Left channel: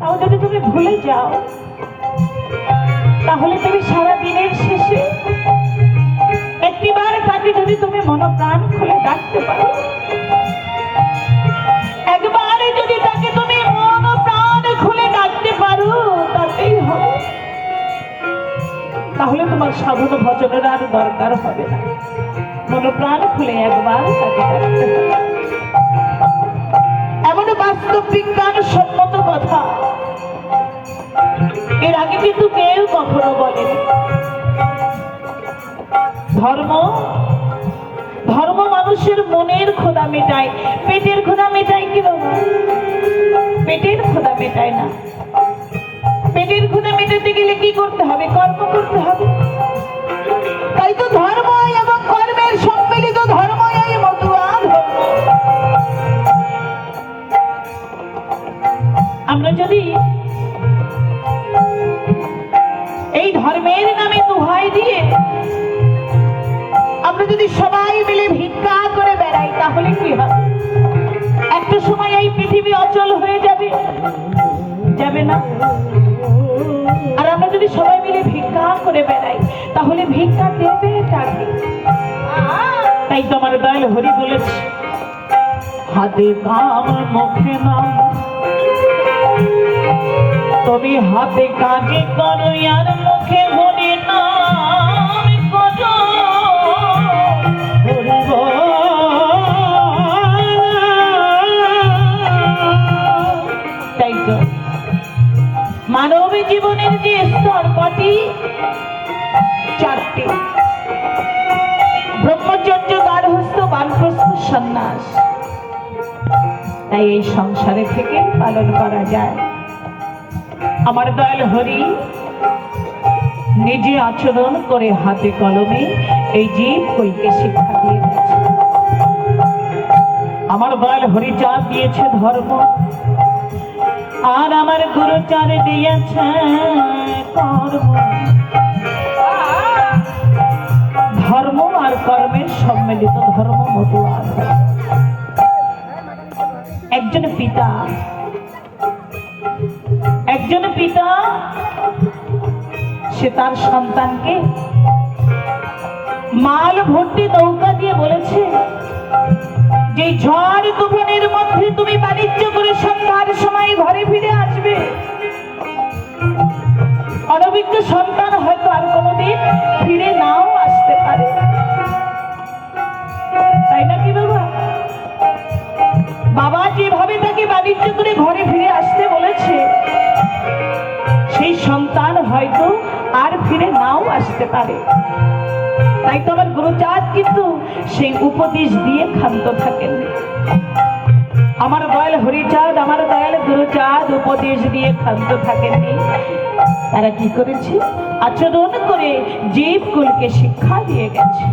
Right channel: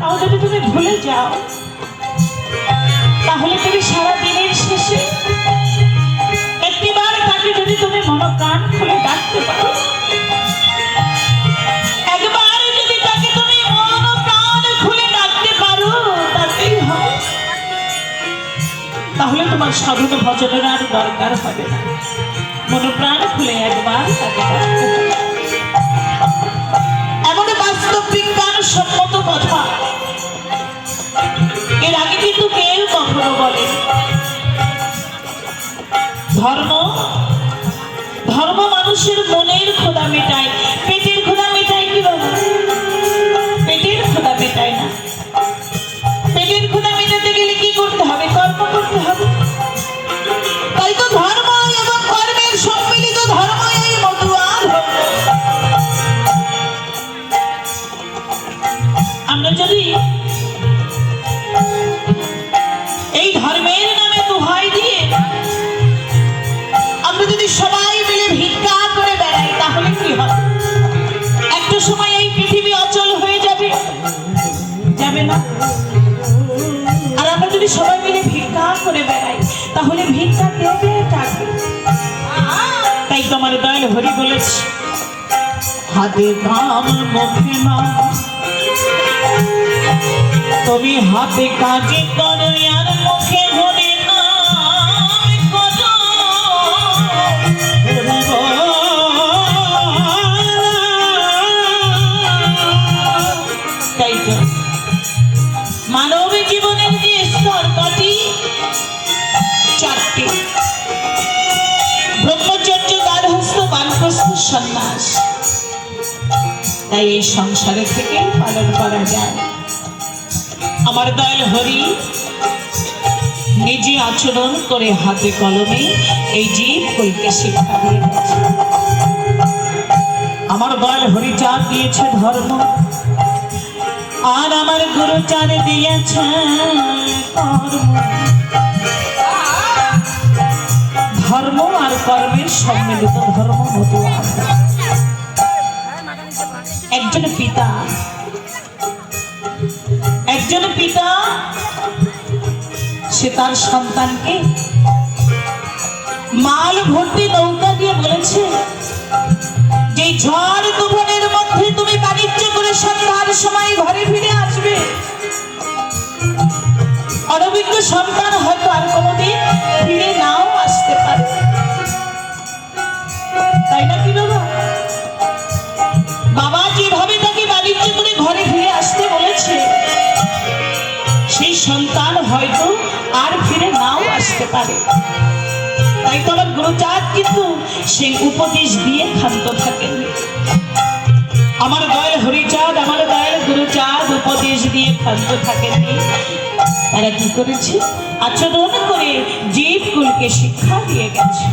তাও যদি তুমি ভুলে যাও, তাহলে তুমি সারা দিনের শেষে একটিবার তাকে যদি তুমি মনপ্রাণ খুলে ডাকতে পারো, একবার যদি তাকে তুমি মনপ্রাণ খুলে ডাকতে পারো, তাতেই হবে। তাহলে তোমার সাধন ভজনের আর দরকার হবে না। মনপ্রাণ খুলে একবার তাকে ডাকতে হবে। এমন বাস্তব বিজ্ঞান সম্মত কথা এর আগে কিন্তু কেউ কখনো বলে। ধর্ম ধর্ম মানুষের মনের ক্ষুধা মেটায়, পেটের ক্ষুধা মেটায় কি বাবা? পেটের ক্ষুধা মেটায় না। পেটের ক্ষুধা মেটাতে গেলে কি করতে হবে? কর্ম করতে হবে। তাই তো ধর্ম এবং কর্মের সম্মিলিত ধর্ম এই মতুয়া ধর্ম। আমরা যদি এই ধর্মের নামে দোহাই দিয়ে আমরা যদি সবাই মিলে ভিক্ষা করে বেড়াই, তাহলে কি হবে? একটা সময় এই পৃথিবী অচল হয়ে যাবে, যাবে না? আর আমরা যদি সবাই মিলে ভিক্ষা করে বেড়াই, তাহলে ভিক্ষা দেবে কাকে? তাই তো আমার দয়াল হরি বলেছে, হাতে কাম মুখে নাম, তুমি হাতে কাজে করো আর মুখে হরি নাম করো। তাই তো মানব জীবনের যে স্তর কটি? চারটি: ব্রহ্মচর্য, গার্হস্থ্য, বানপ্রস্থ, সন্ন্যাস। তাই এই সংসারে থেকে পালন করা যায়। আমার দয়াল হরি নিজে আচরণ করে হাতে কলমে এই জীব কুলকে শিক্ষা দিয়ে গেছে। আমার দয়াল হরিচাঁদ দিয়েছে ধর্ম, আর আমার গুরুচাঁদ দিয়েছে কর্ম। ধর্ম আর কর্মের সম্মিলিত ধর্ম মতুয়া। একজন পিতা সে তার সন্তানকে মাল ভর্তি নৌকা দিয়ে বলেছে যে ঝড় তুফানের মধ্যে তুমি বাণিজ্য করে সন্ধ্যার সময় ঘরে ফিরে আসবে। অনভিজ্ঞ সন্তান হয়তো আর কোনোদিন ফিরে নাও আসতে পারে, তাই না কি বাবা? বাবা যেভাবে তাকে বাণিজ্য করে ঘরে ফিরে আসতে বলেছে, সেই সন্তান হয়তো আর ফিরে নাও আসতে পারে। তাই তো আমার গুরুচাঁদ কিন্তু সেই উপদেশ দিয়ে ক্ষান্ত থাকেন। আমার দয়াল হরিচাঁদ, আমার দয়াল গুরুচাঁদ উপদেশ দিয়ে ক্ষান্ত থাকেননি। তারা কি করেছে? আচরণ করে জীব কুলকে শিক্ষা দিয়ে গেছে।